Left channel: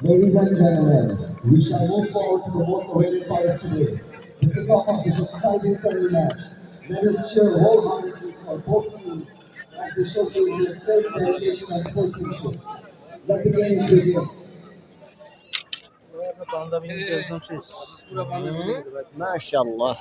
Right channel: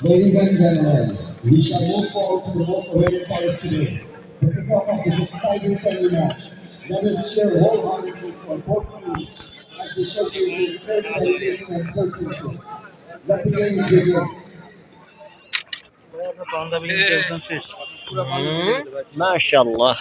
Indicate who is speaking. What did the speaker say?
Speaker 1: Ladies and gentlemen, we shall move forward to the most awaited part of today, the kickoff of this exciting friendly match. Let us cheer wholeheartedly for both teams as they showcase their skill, dedication, and sportsmanship. Let the games begin.
Speaker 2: Maşallah.